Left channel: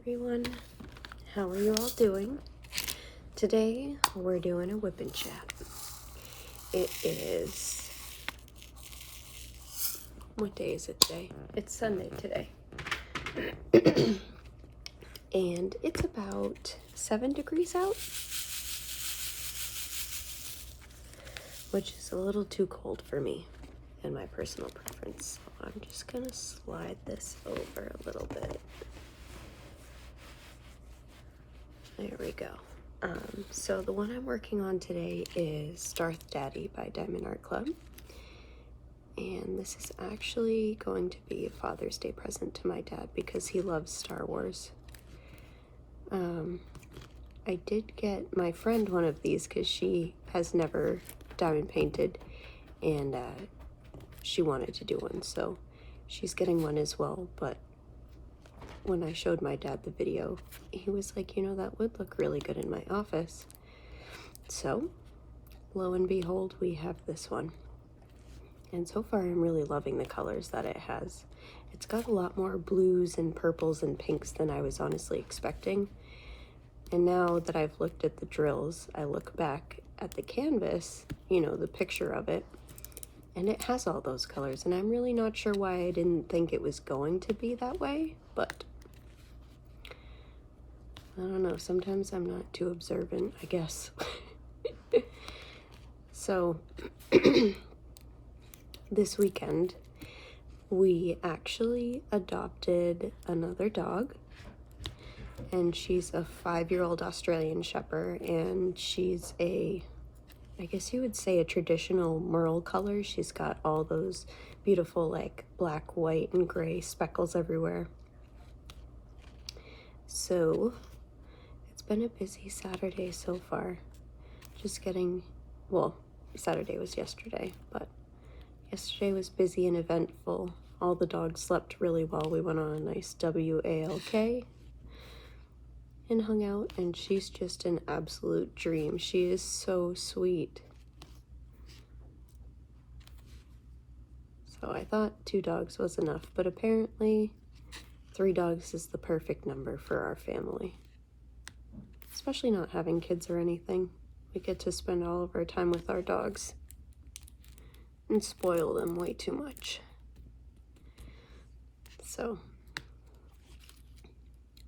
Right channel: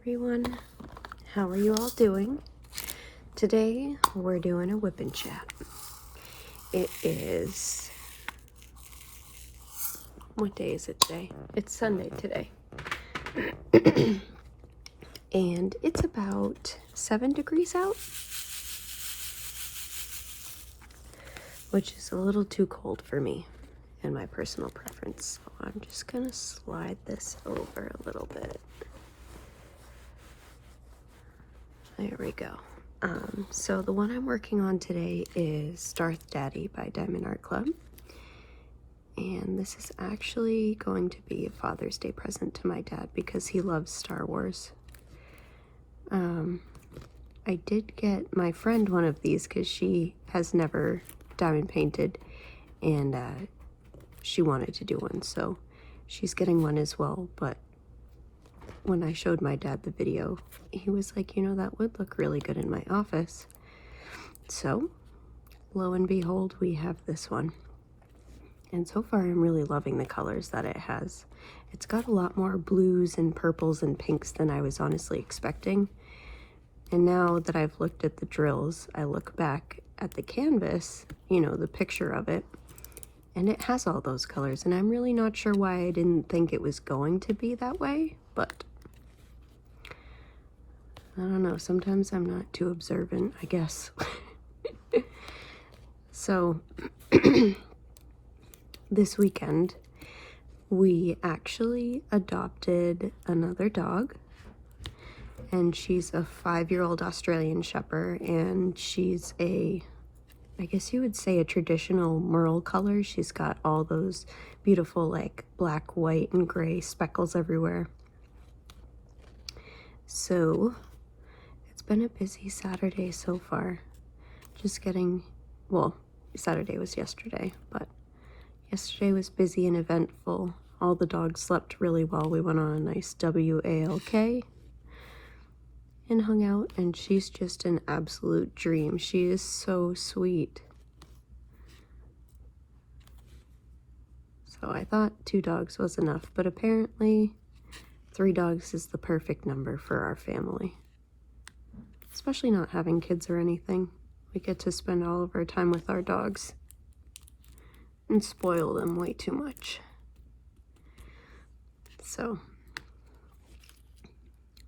everyone. How are you all doing? Today we're doing a whip and chat. It is, what day is it today? It's Sunday today. And it's about 7 degrees out, which is a little too cold for me and my personal preference. So I'm just gonna slide this over a little bit. There we go. So the one I'm working on today is Darth Daddy by Diamond Art Club. And this is actually going to be a Father's Day present to my dad because he loves Star Wars. I did get my friend one of these because she has never diamond painted and she wanted to do one, so she's getting one as well. But when I showed my dad the video, he was like, you know, that would look really good in my office. So lo and behold, we have this one. And so far I'm really loving the colors that it has. It's got a lot more blues and purples and pinks than I was honestly expecting. And now that I've looked at the drills, I look back at the canvas, you know, the picture of it, and it has all those colors. And I'm really not sure why I didn't think it was going to be that way, but I don't know, sometimes I'm not too observant, I guess. So this weekend, we actually adopted another dog, and she's a 5-year-old Australian Shepherd, and she's I guess you would say a traditional merle color. She's got all those beautiful like black, white, and gray speckles everywhere. So it's been a busy Saturday so far. Just getting, well, Saturday was yesterday, but yesterday was busy and eventful. All the dogs slept really well. We went on a nice WALK and hung out, and she's just an absolute dream. She is so sweet. So I thought 2 dogs was enough, but apparently 3 dogs is the perfect number for our family. Especially not having kids or anything. We get to spend all of our time with our dogs and spoil them way too much. So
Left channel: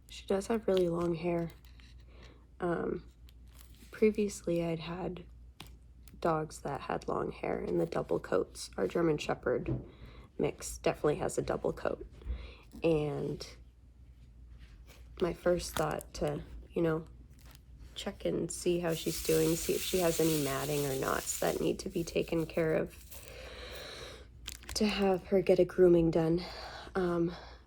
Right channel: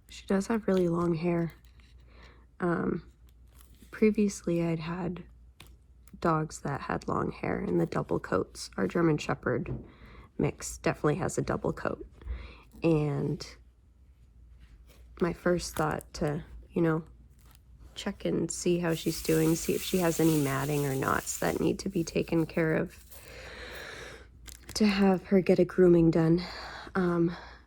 she does have really long hair. Previously I'd had dogs that had long hair and the double coats. Our German Shepherd mix definitely has a double coat. And my first thought to, you know, check and see how she's doing, see if she has any matting or knots that need to be taken care of, to have her get a grooming done.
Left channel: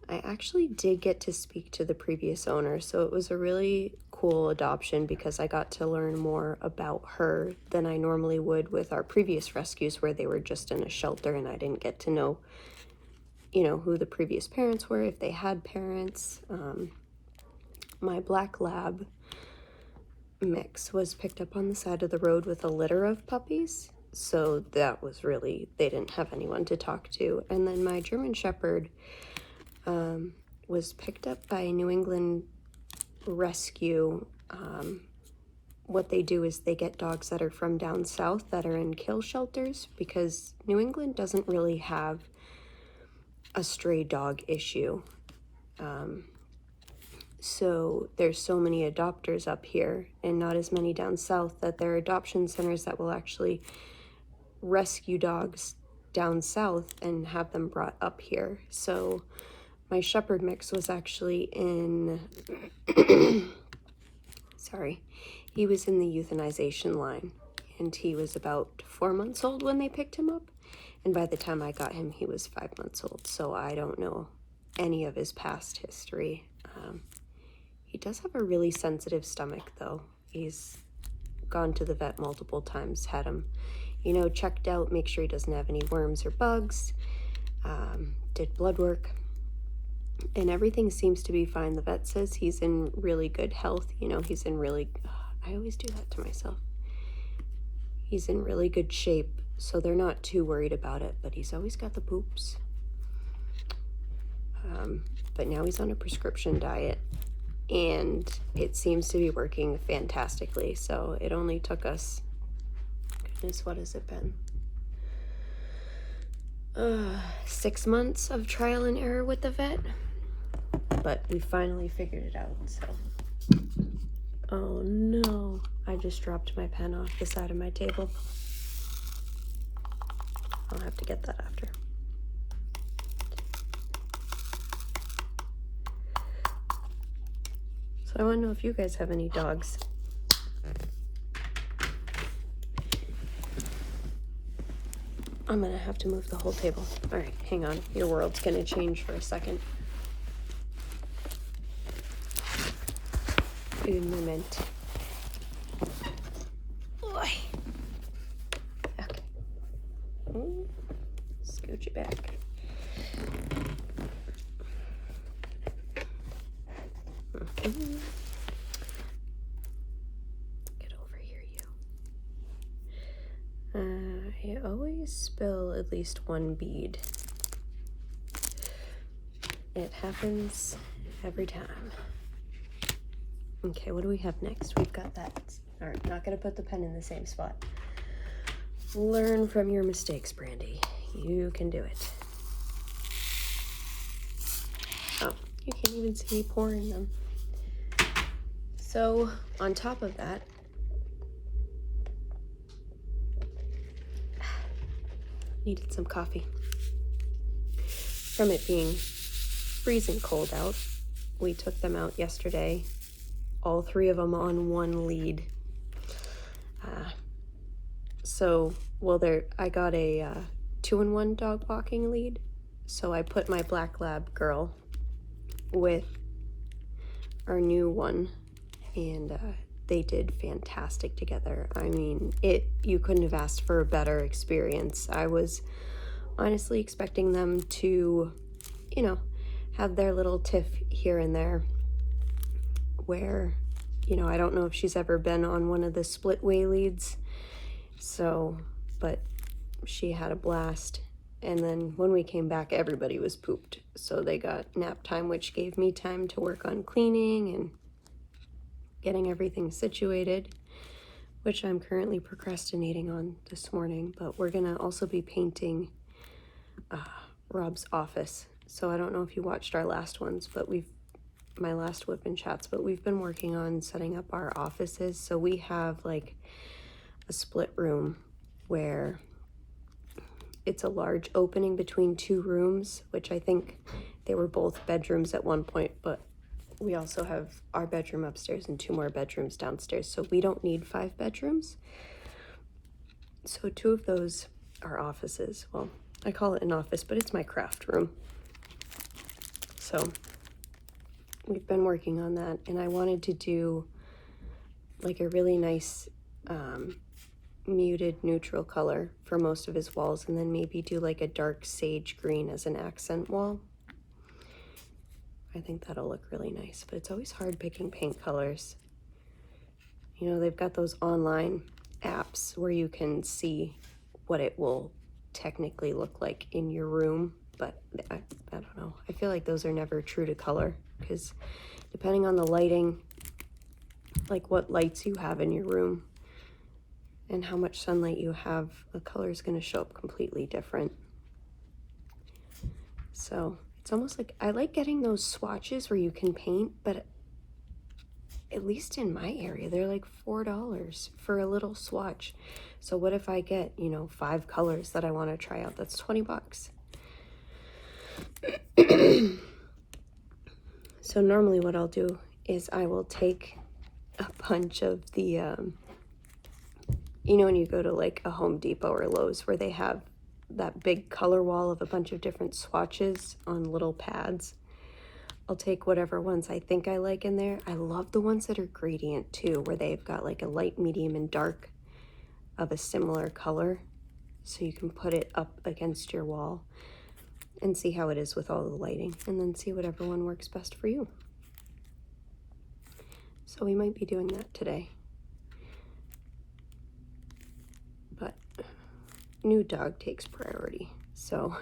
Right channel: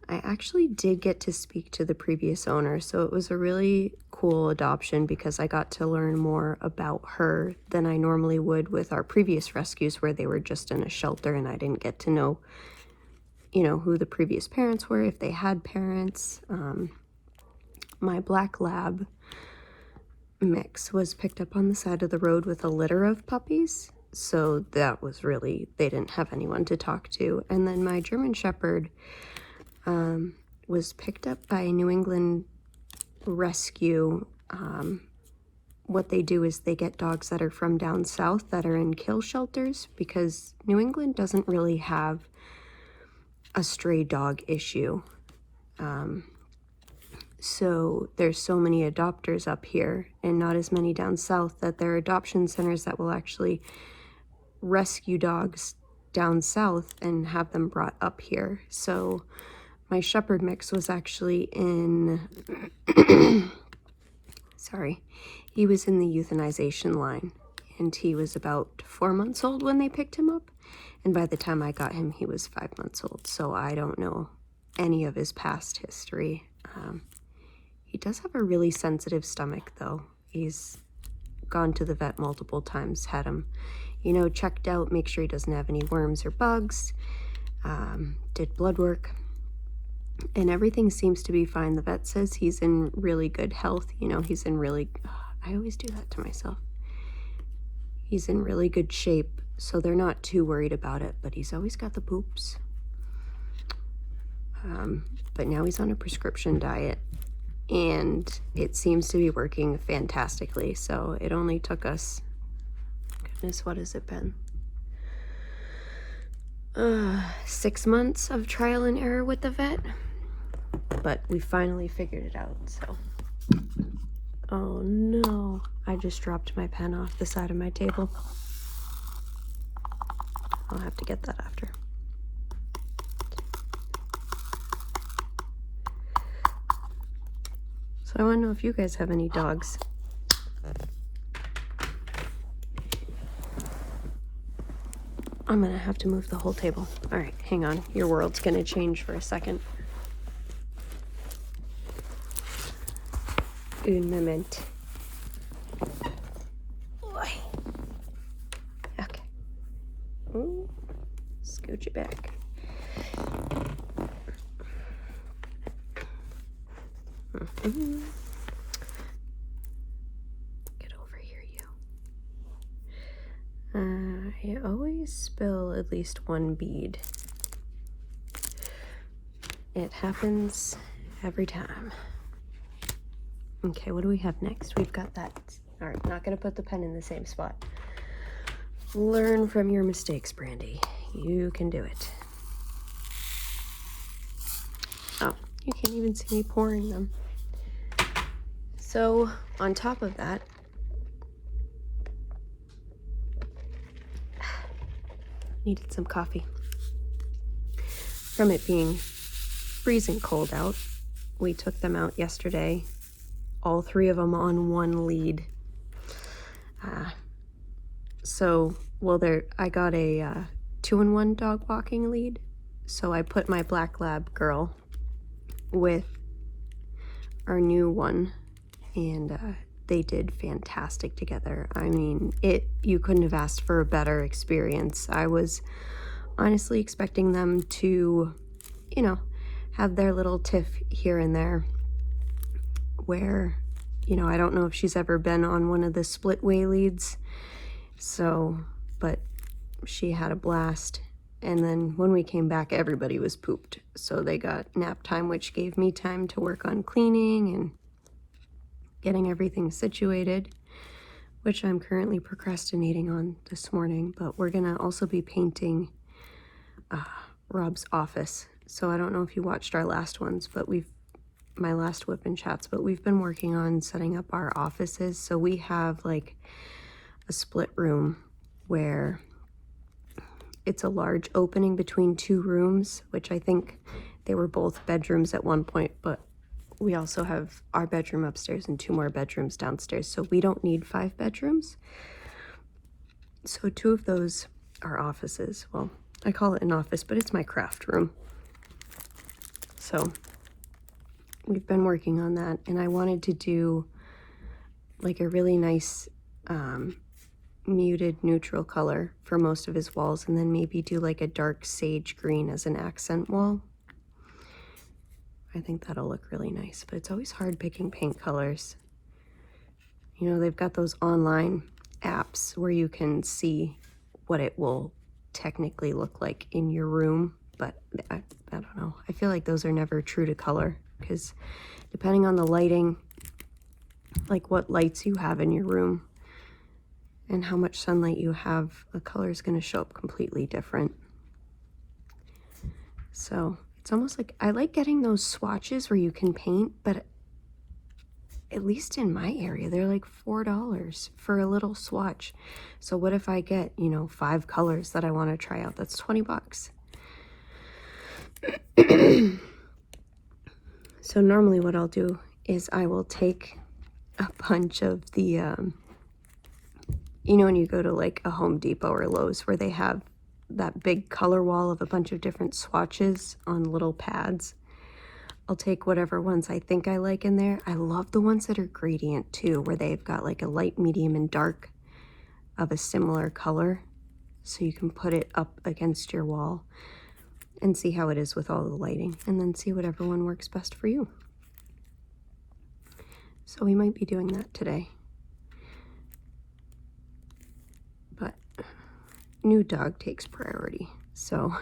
I actually did get to speak to the previous owner, so it was a really cool adoption because I got to learn more about her than I normally would with our previous rescues where they were just in a shelter and I didn't get to know, you know, who the previous parents were, if they had parents. My black lab mix was picked up on the side of the road with a litter of puppies, so that was really, they didn't have anyone to talk to. And then my German Shepherd was picked up by a New England rescue. What they do is they get dogs that are from down south that are in kill shelters, because New England doesn't really have a stray dog issue. So there's so many adopters up here and not as many down south that there are adoption centers that will actually rescue dogs down south and have them brought up here. So my Shepherd mix was actually in, sorry, he was in the euthanization line, and he was about 4 months old when they picked him up. And by the time I got him, he was 5 months old. So I don't know any of his past history. He does have a really sensitive stomach though. He's gone to the vet multiple times, had him, you know, checked out, make sure he doesn't have any worms or bugs, did blood work, and everything seems to be fine. The vet says he's in really good health. You know, he's in really, I always do that to myself. He's in really good shape, so they're not too worried about it, but he's always got the poops. But now he's on a prescription diet. and it seems to be working fantastically. So it only took us, goodness, what has it been? 6 months of trial and error with the vet, but we finally figured it out. So, oh no, I just dropped my pen off the side of my table. I'll have to get that after. So I want to know if you guys have any dogs. I'm gonna have to move the whole table. All right, hang on. Your world's gonna change for a second. Un moment. Okay. Ooh, scooch it back. Get over here, you. I always spill at least one bead. It happens every time. Okay, what do we have next? We've got that. All right, not gonna put the pen in the same spot. Learn from your mistakes, Brandy. You can do it. Oh, you can't even see me pouring them. So on top of that, needed some coffee. From it being freezing cold out, we took them out yesterday, all 3 of them on one lead. I got a 2-in-1 dog walking lead. So I put my black lab girl with our new one, and they did fantastic together. I mean, you couldn't have asked for a better experience. I was honestly expecting them to, have their little tiff here and there where, I don't know if she's ever been on one of the split way leads. So, but she had a blast. And then when we came back, everybody was pooped. So they got nap time, which gave me time to work on cleaning and getting everything situated, which I'm currently procrastinating on this morning. But we're gonna also be painting Rob's office. So I don't know if you watched our last ones, but my last Whip and Chats, but we've been working on setting up our offices. So we have like a split room where it's a large opening between 2 rooms, which I think they were both bedrooms at one point, but we also have our bedroom upstairs and 2 more bedrooms downstairs. So we don't need 5 bedrooms. So 2 of those are offices. Well, I call it an office, but it's my craft room. So we've been working on that, and I wanted to do like a really nice muted neutral color for most of his walls, and then maybe do like a dark sage green as an accent wall. I think that'll look really nice, but it's always hard picking paint colors. They've got those online apps where you can see what it will technically look like in your room, but I don't know. I feel like those are never true to color, because depending on the lighting, like what lights you have in your room and how much sunlight you have, the color is going to show up completely different. So it's almost like I like getting those swatches where you can paint, but at least in my area, they're like $4 for a little swatch. So what if I get, 5 colors that I want to try out? That's $20. So normally what I'll do is I will take a bunch of the, when you go to like a Home Depot or Lowe's where they have that big color wall of a bunch of different swatches on little pads. I'll take whatever ones I think I like in there. I love the ones that are gradient too, where they've got like a light, medium, and dark of a similar color. So you can put it up against your wall and see how it is with all the lighting, and then see whatever one works best for you. So we might be doing that today. But new dog takes priority. So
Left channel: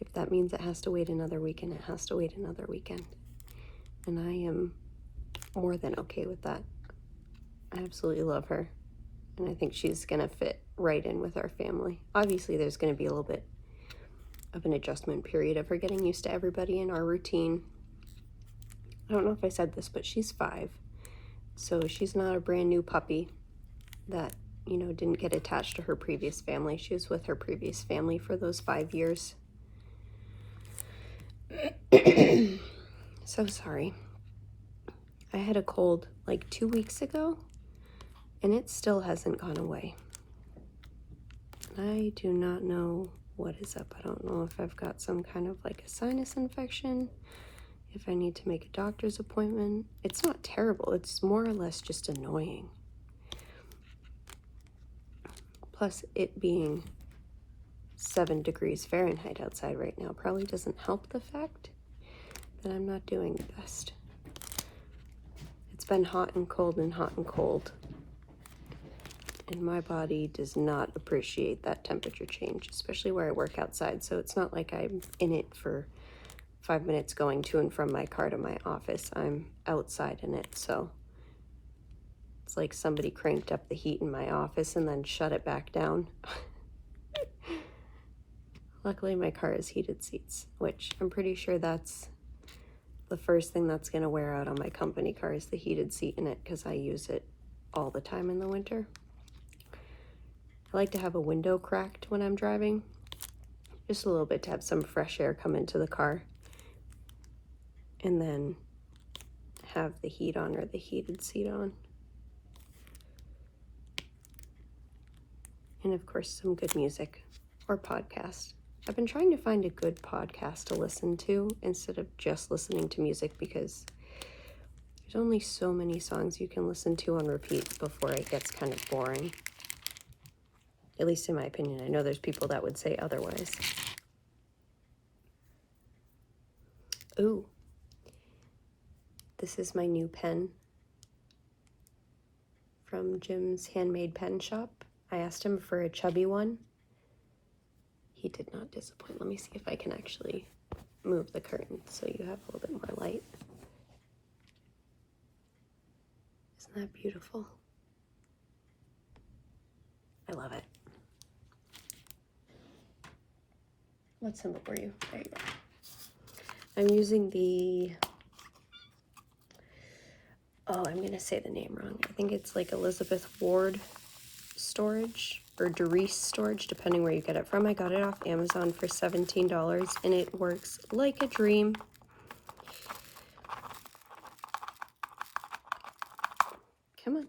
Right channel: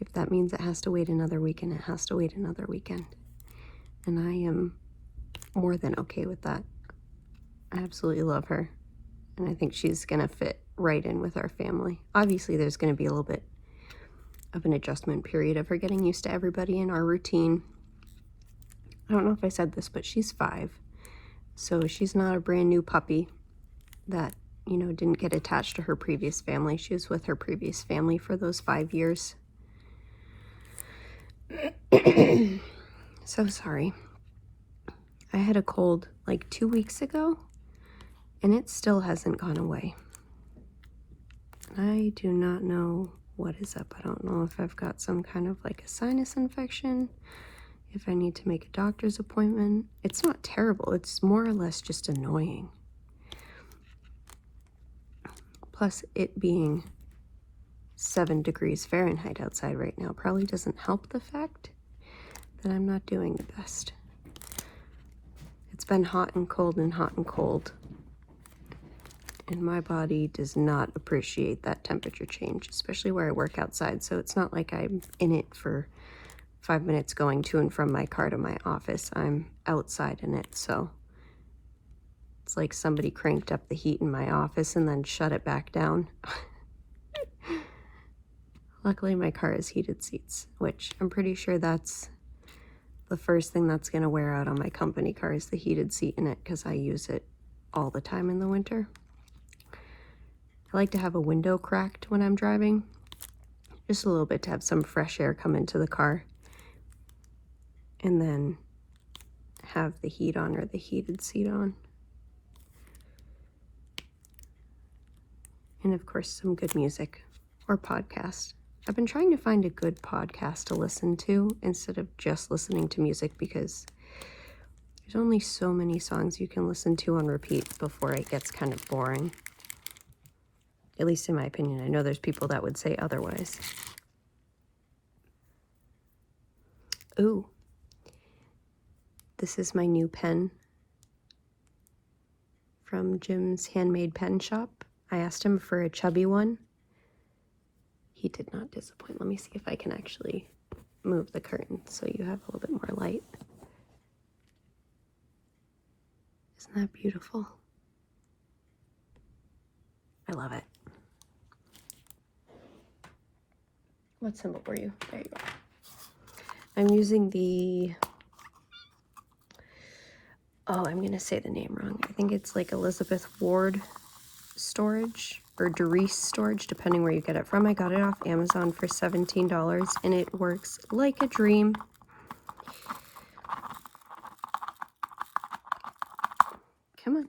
if that means it has to wait another weekend, it has to wait another weekend. And I am more than okay with that. I absolutely love her, and I think she's gonna fit right in with our family. Obviously, there's gonna be a little bit of an adjustment period of her getting used to everybody in our routine. I don't know if I said this, but she's 5, so she's not a brand new puppy that, you know, didn't get attached to her previous family. She was with her previous family for those 5 years. So sorry. I had a cold like 2 weeks ago, and it still hasn't gone away. I do not know what is up. I don't know if I've got some kind of like a sinus infection, if I need to make a doctor's appointment. It's not terrible. It's more or less just annoying. Plus, it being 7 degrees Fahrenheit outside right now probably doesn't help the fact that I'm not doing the best. It's been hot and cold and hot and cold, and my body does not appreciate that temperature change, especially where I work outside. So it's not like I'm in it for 5 minutes going to and from my car to my office. I'm outside in it, so it's like somebody cranked up the heat in my office and then shut it back down. Luckily, my car has heated seats, which I'm pretty sure that's the first thing that's going to wear out on my company car is the heated seat in it, because I use it all the time in the winter. I like to have a window cracked when I'm driving, just a little bit to have some fresh air come into the car, and then have the heat on or the heated seat on. And of course, some good music or podcast. I've been trying to find a good podcast to listen to instead of just listening to music, because there's only so many songs you can listen to on repeat before it gets kind of boring. At least in my opinion. I know there's people that would say otherwise. Ooh. This is my new pen from Jim's Handmade Pen Shop. I asked him for a chubby one. He did not disappoint. Let me see if I can actually move the curtain so you have a little bit more light. Isn't that beautiful? I love it. What symbol were you? There you go. I'm using the, oh, I'm gonna say the name wrong. I think it's like Elizabeth Ward storage or Doris storage, depending where you get it from. I got it off Amazon for $17, and it works like a dream. Come on.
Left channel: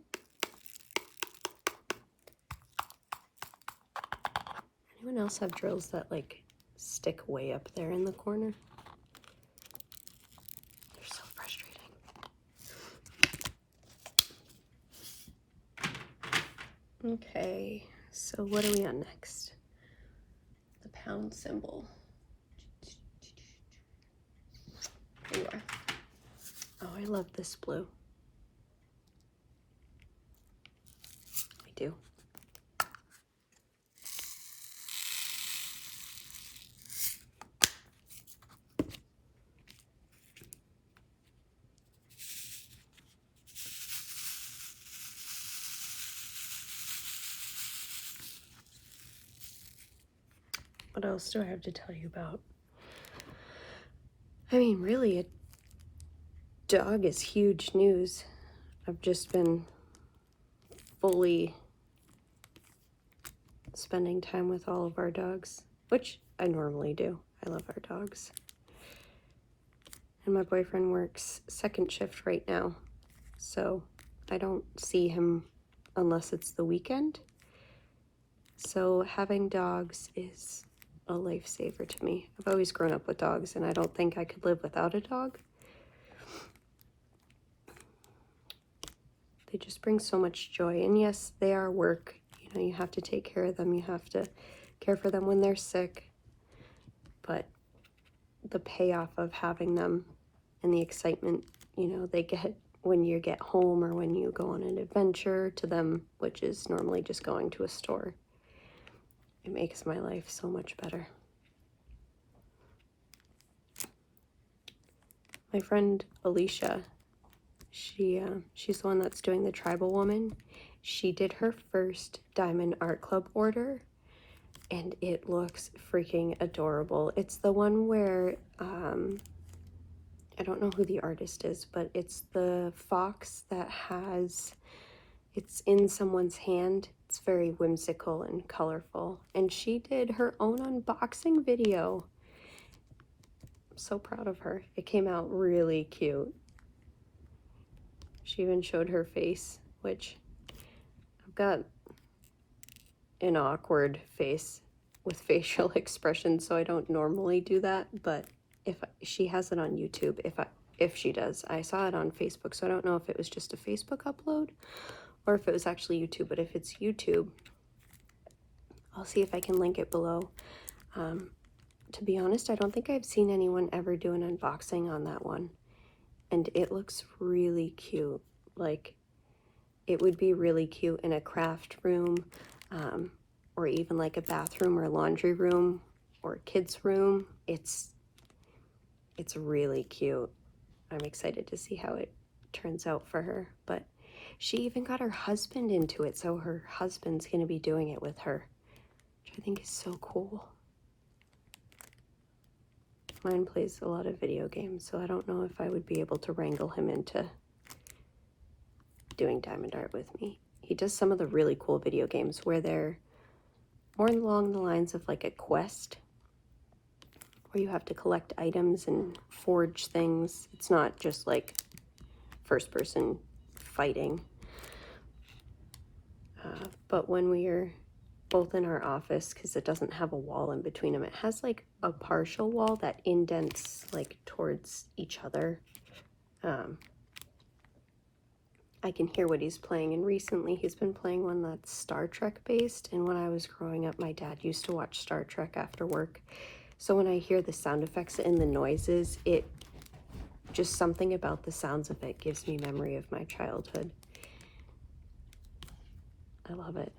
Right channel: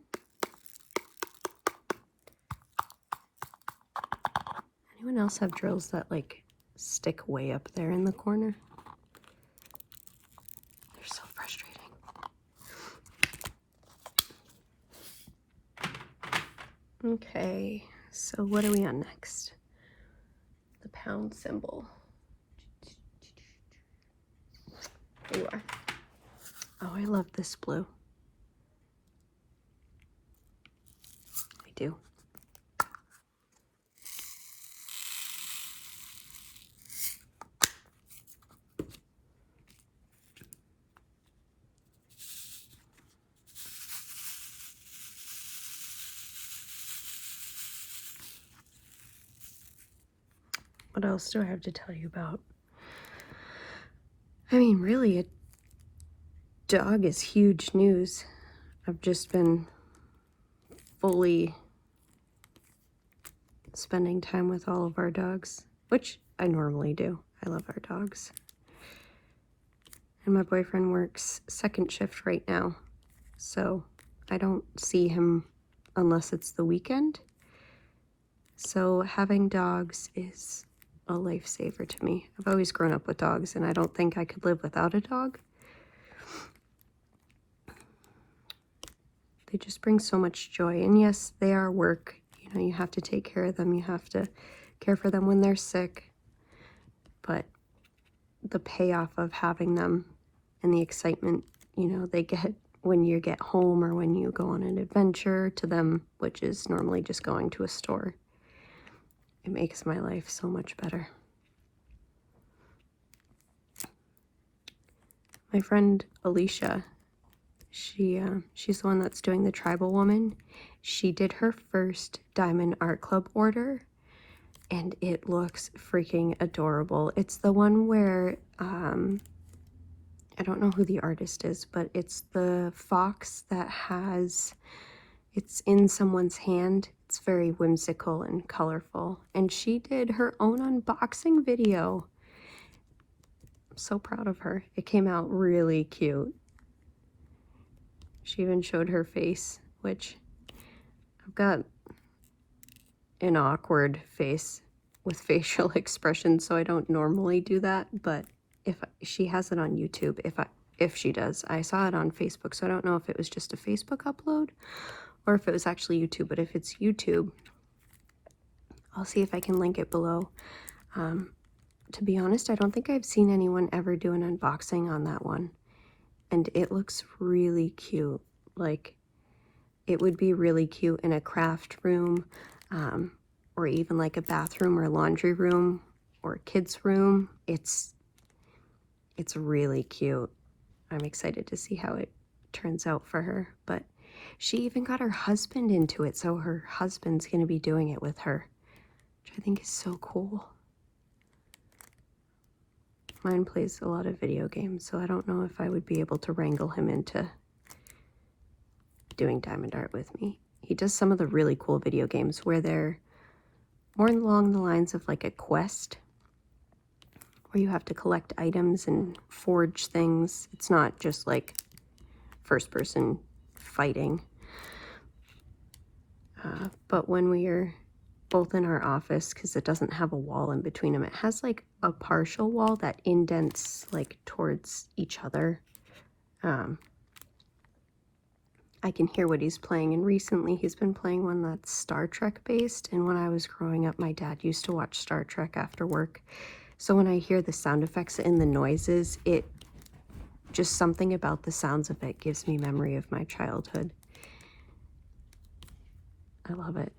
Anyone else have drills that like stick way up there in the corner? They're so frustrating. Okay, so what are we on next? The pound symbol. There you are. Oh, I love this blue. I do. What else do I have to tell you about? I mean, really, a dog is huge news. I've just been fully spending time with all of our dogs, which I normally do. I love our dogs. And my boyfriend works second shift right now, so I don't see him unless it's the weekend. So having dogs is a lifesaver to me. I've always grown up with dogs, and I don't think I could live without a dog. They just bring so much joy. And yes, they are work. You know, you have to take care of them. You have to care for them when they're sick. But the payoff of having them and the excitement, you know, they get when you get home or when you go on an adventure to them, which is normally just going to a store, it makes my life so much better. My friend Alicia She's the one that's doing the tribal woman. She did her first Diamond Art Club order, and it looks freaking adorable. It's the one where, I don't know who the artist is, but it's the fox that it's in someone's hand. It's very whimsical and colorful. And she did her own unboxing video. I'm so proud of her. It came out really cute. She even showed her face, which I've got an awkward face with facial expressions, so I don't normally do that, but if she has it on YouTube, if she does. I saw it on Facebook, so I don't know if it was just a Facebook upload or if it was actually YouTube, but if it's YouTube, I'll see if I can link it below. To be honest, I don't think I've seen anyone ever do an unboxing on that one, and it looks really cute. Like, it would be really cute in a craft room, or even like a bathroom or laundry room or a kid's room. It's really cute. I'm excited to see how it turns out for her. But she even got her husband into it, so her husband's going to be doing it with her, which I think is so cool. Mine plays a lot of video games, so I don't know if I would be able to wrangle him into doing diamond art with me. He does some of the really cool video games where they're more along the lines of like a quest, where you have to collect items and forge things. It's not just like first person fighting. But when we are both in our office, because it doesn't have a wall in between them, it has like a partial wall that indents like towards each other. I can hear what he's playing, and recently he's been playing one that's Star Trek based, and when I was growing up, my dad used to watch Star Trek after work. So when I hear the sound effects and the noises, just something about the sounds of it gives me memory of my childhood. I love it.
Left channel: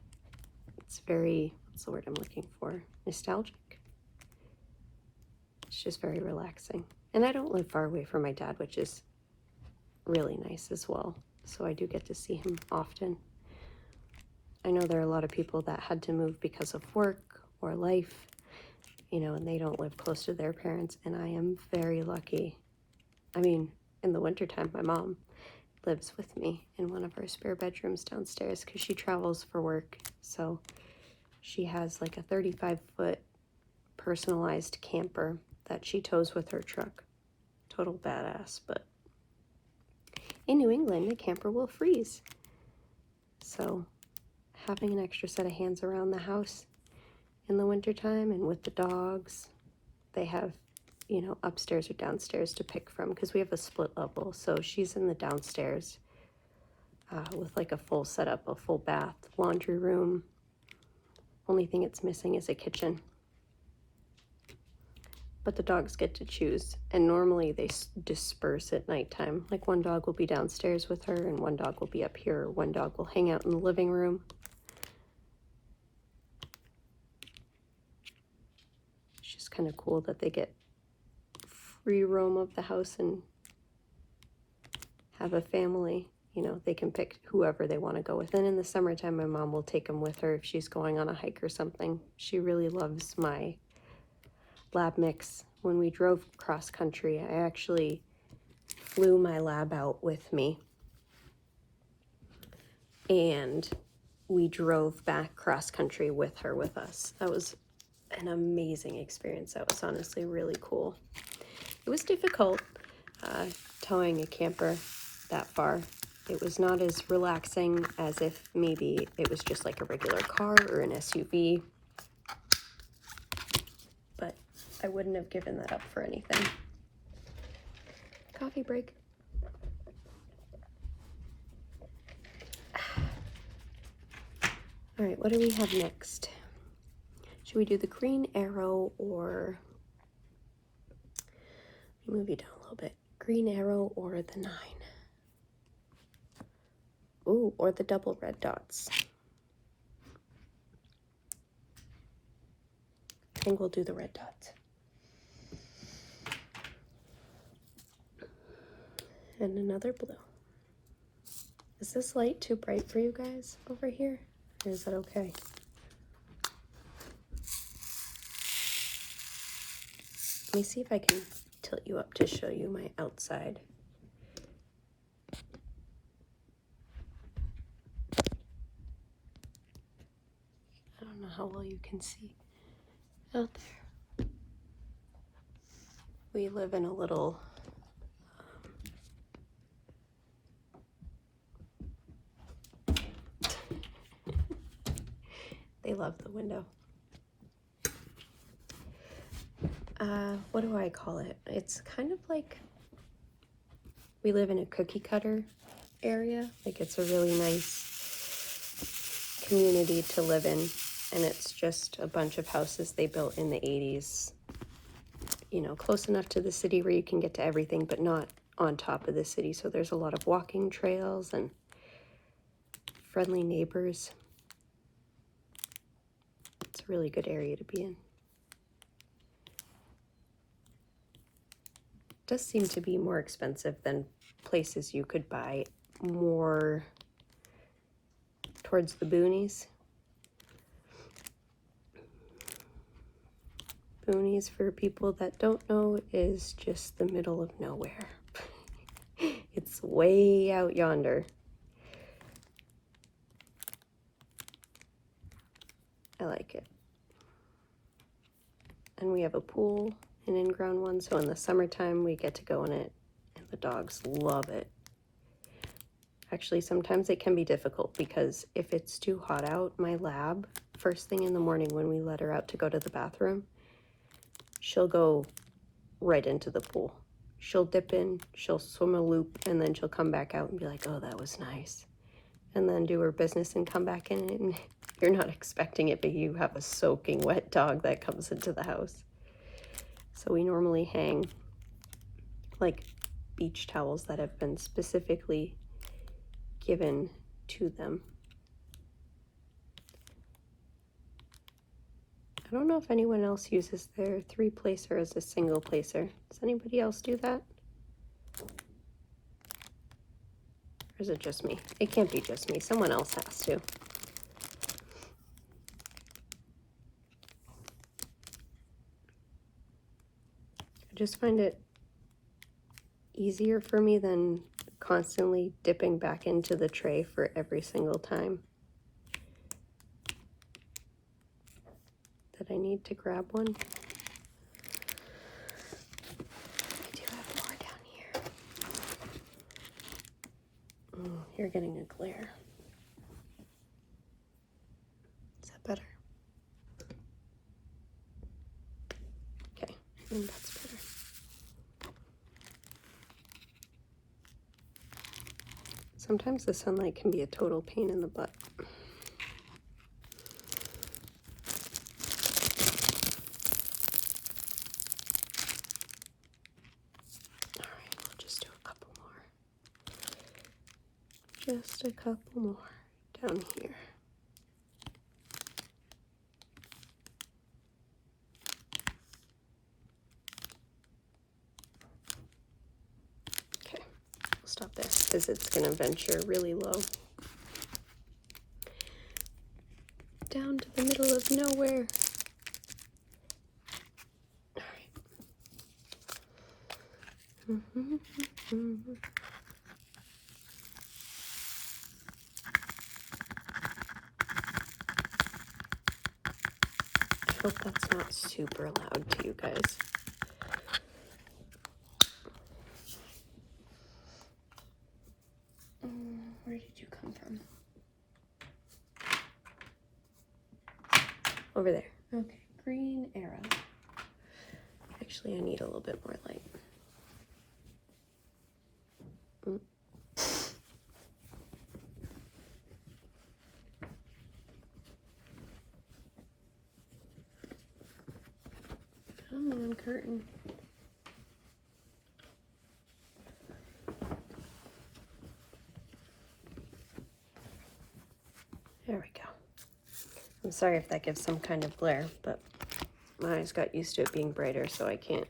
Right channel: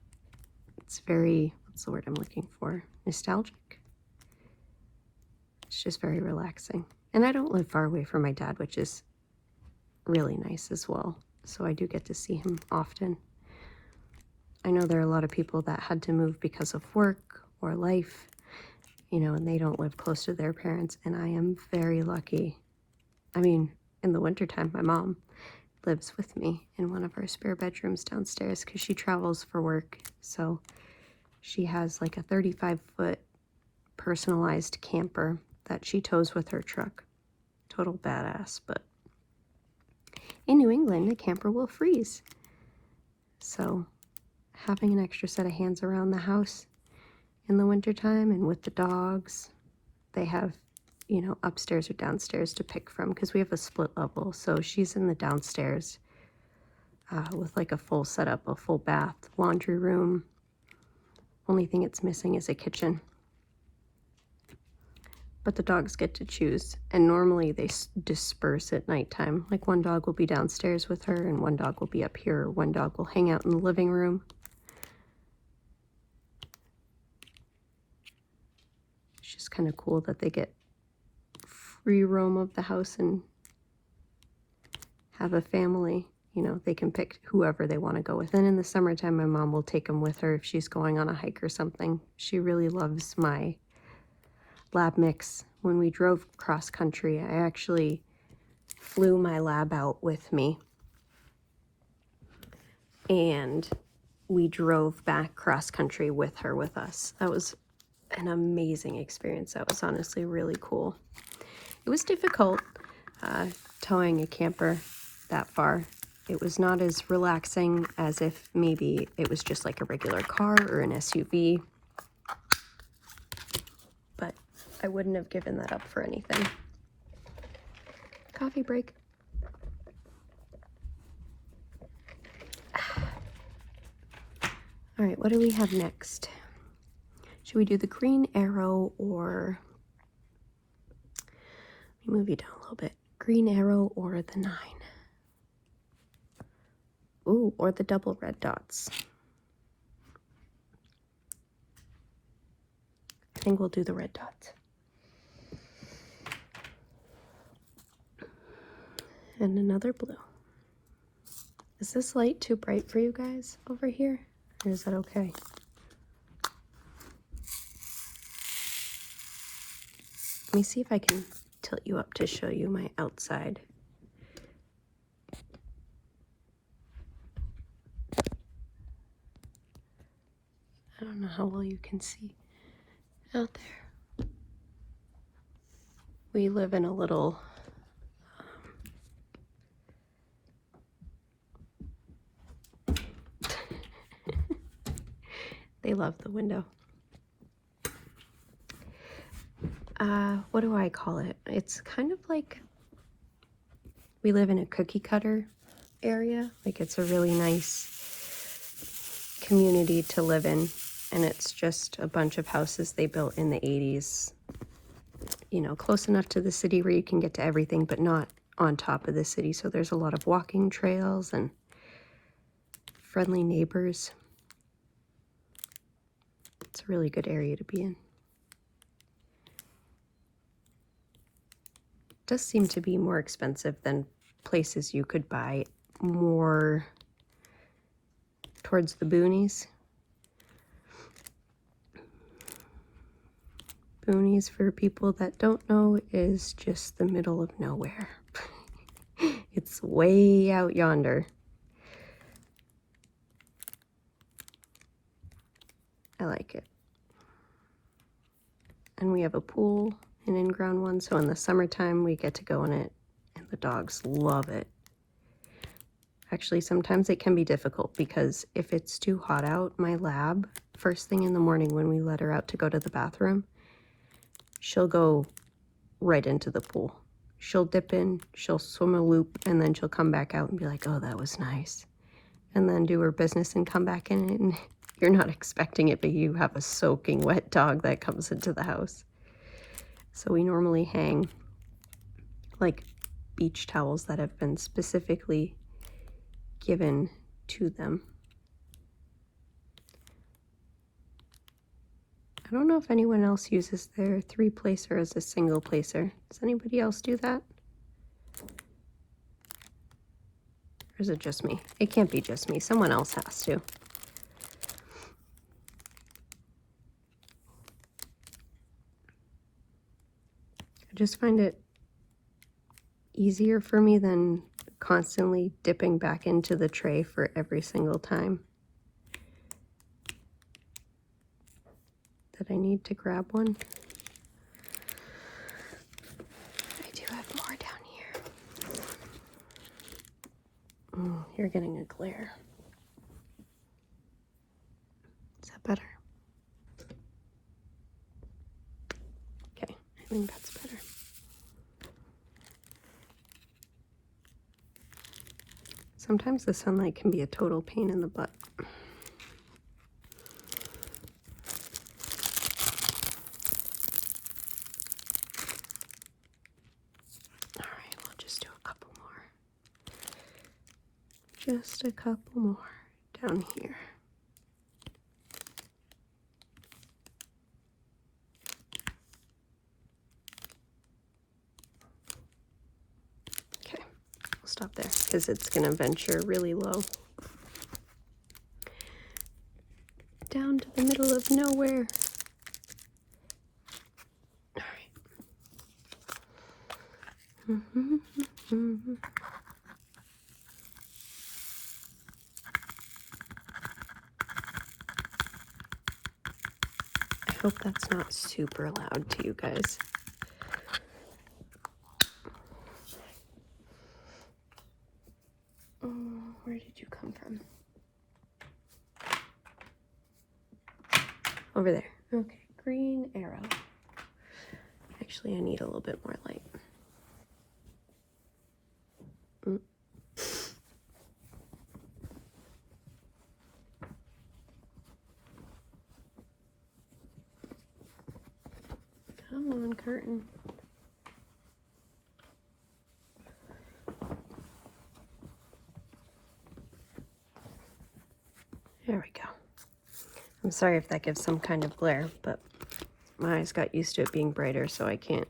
It's very, what's the word I'm looking for? Nostalgic. It's just very relaxing. And I don't live far away from my dad, which is really nice as well. So I do get to see him often. I know there are a lot of people that had to move because of work or life, you know, and they don't live close to their parents, and I am very lucky. I mean, in the wintertime, my mom lives with me in one of her spare bedrooms downstairs because she travels for work. So she has like a 35-foot personalized camper that she tows with her truck. Total badass, but in New England, the camper will freeze. So having an extra set of hands around the house in the wintertime, and with the dogs, they have, you know, upstairs or downstairs to pick from, because we have a split level. So she's in the downstairs with like a full setup, a full bath, laundry room. Only thing it's missing is a kitchen. But the dogs get to choose, and normally they disperse at nighttime. Like one dog will be downstairs with her, and one dog will be up here, or one dog will hang out in the living room. It's just kind of cool that they get free roam of the house and have a family. You know, they can pick whoever they want to go with. And in the summertime, my mom will take them with her if she's going on a hike or something. She really loves my lab mix. When we drove cross country, I actually flew my lab out with me, and we drove back cross country with her with us. That was an amazing experience. That was honestly really cool. It was difficult towing a camper that far. It was not as relaxing as if maybe it was just like a regular car or an SUV. But I wouldn't have given that up for anything. Coffee break. All right, what do we have next? Should we do the green arrow, or let me move you down a little bit. Green arrow or the 9? Ooh, or the double red dots. I think we'll do the red dots. And another blue. Is this light too bright for you guys over here? Or is that okay? Let me see if I can tilt you up to show you my outside. I don't know how well you can see out there. We live in a little they love the window. What do I call it? It's kind of like we live in a cookie cutter area. Like it's a really nice community to live in, and it's just a bunch of houses they built in the 80s. You know, close enough to the city where you can get to everything, but not on top of the city. So there's a lot of walking trails and friendly neighbors. It's a really good area to be in. It does seem to be more expensive than places you could buy more towards the boonies. Boonies, for people that don't know, is just the middle of nowhere. It's way out yonder. I like it. And we have a pool, an in-ground one, so in the summertime we get to go in it, and the dogs love it. Actually, sometimes it can be difficult because if it's too hot out, my lab, first thing in the morning when we let her out to go to the bathroom, she'll go right into the pool. She'll dip in, she'll swim a loop, and then she'll come back out and be like, oh, that was nice. And then do her business and come back in it, and you're not expecting it, but you have a soaking wet dog that comes into the house. So we normally hang like beach towels that have been specifically given to them. I don't know if anyone else uses their 3-placer as a single placer. Does anybody else do that? Or is it just me? It can't be just me. Someone else has to. I just find it easier for me than constantly dipping back into the tray for every single time that I need to grab one. I do have more down here. Oh, you're getting a glare. Is that better? Okay, I think that's better. Sometimes the sunlight can be a total pain in the butt. All right, we'll just do a couple more. Just a couple more down here. Okay, I'll stop there because it's going to venture really low. Down to the middle of nowhere. All right. I hope that's not super loud to you guys. Where did you come from? Over there. Okay, green arrow. Actually, I need a little bit more light. Come on, curtain. There we go. I'm sorry if that gives some kind of glare, but my eyes got used to it being brighter, so I can't.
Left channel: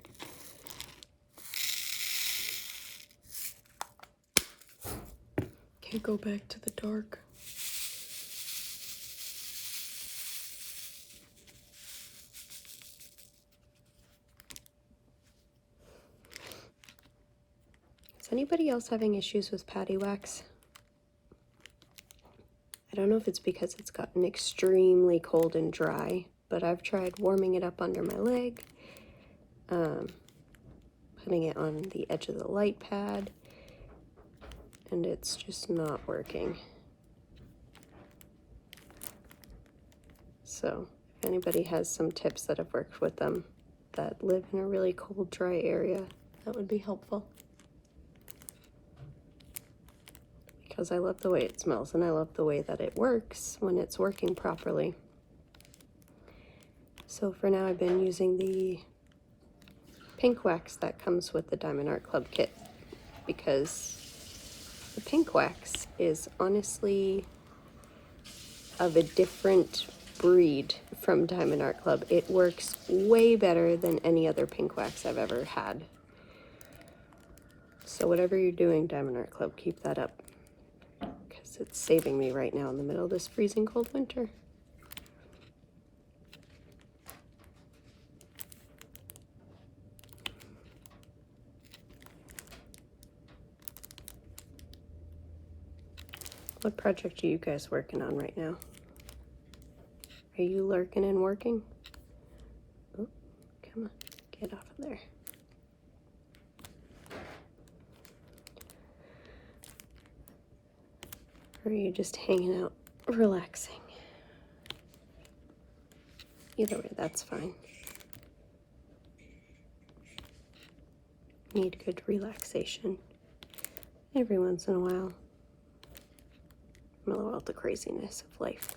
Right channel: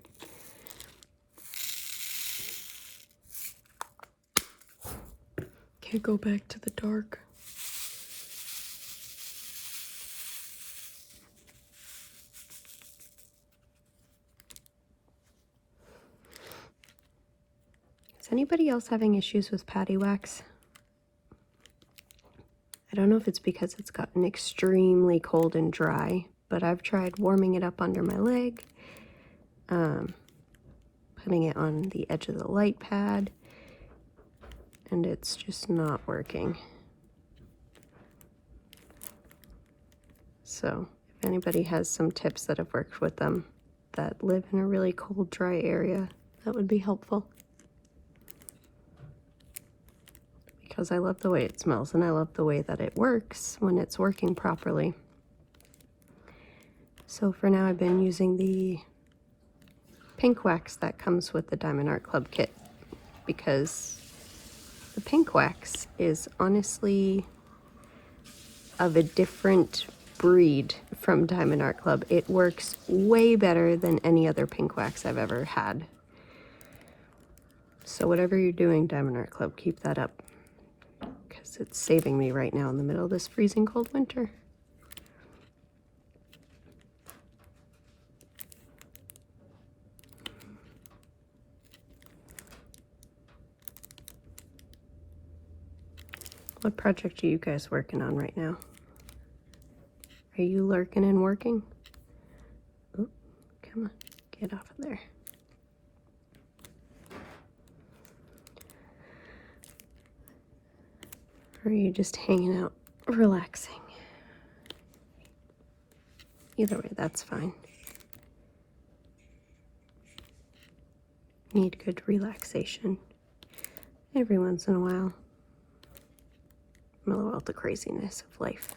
Okay, go back to the dark. Is anybody else having issues with patty wax? I don't know if it's because it's gotten extremely cold and dry, but I've tried warming it up under my leg, putting it on the edge of the light pad, and it's just not working. So if anybody has some tips that have worked with them that live in a really cold, dry area, that would be helpful. Because I love the way it smells and I love the way that it works when it's working properly. So for now I've been using the pink wax that comes with the Diamond Art Club kit, because the pink wax is honestly of a different breed from Diamond Art Club. It works way better than any other pink wax I've ever had. So whatever you're doing, Diamond Art Club, keep that up. It's saving me right now in the middle of this freezing cold winter. What project are you guys working on right now? Are you lurking and working? Ooh, come on, get off of there. Or are you just hanging out, relaxing? Either way, that's fine. Need good relaxation every once in a while. Mellow out the craziness of life.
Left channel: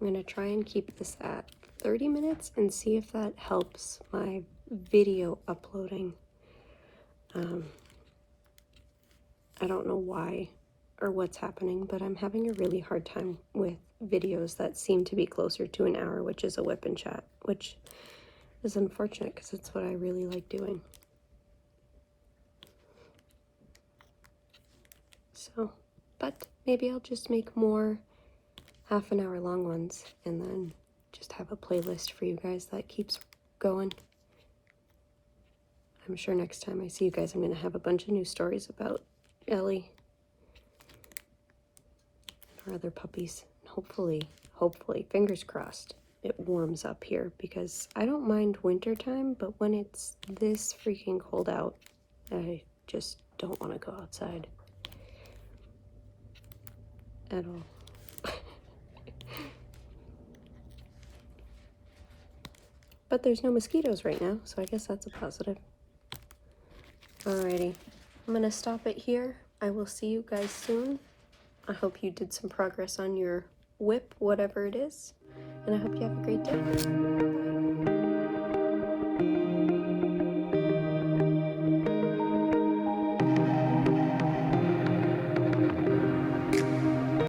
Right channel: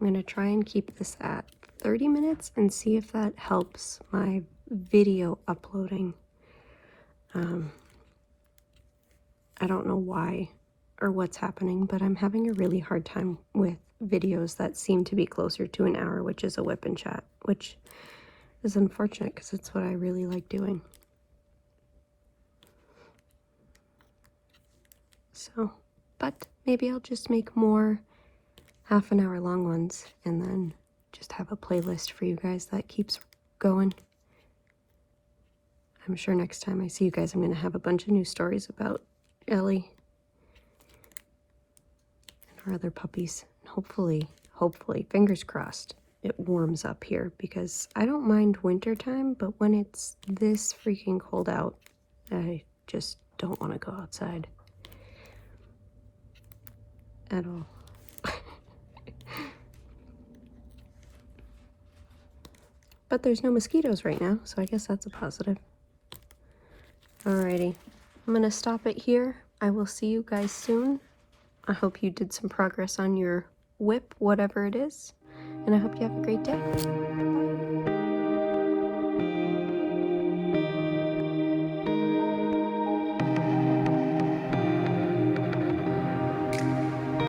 I'm going to try and keep this at 30 minutes and see if that helps my video uploading. I don't know why or what's happening, but I'm having a really hard time with videos that seem to be closer to an hour, which is a whip and chat, which is unfortunate because it's what I really like doing. So, but maybe I'll just make more half-an-hour long ones and then just have a playlist for you guys that keeps going. I'm sure next time I see you guys, I'm going to have a bunch of new stories about Ellie and her other puppies. Hopefully, fingers crossed, it warms up here, because I don't mind winter time, but when it's this freaking cold out, I just don't want to go outside at all. But there's no mosquitoes right now, so I guess that's a positive. Alrighty, I'm gonna stop it here. I will see you guys soon. I hope you did some progress on your whip, whatever it is, and I hope you have a great day.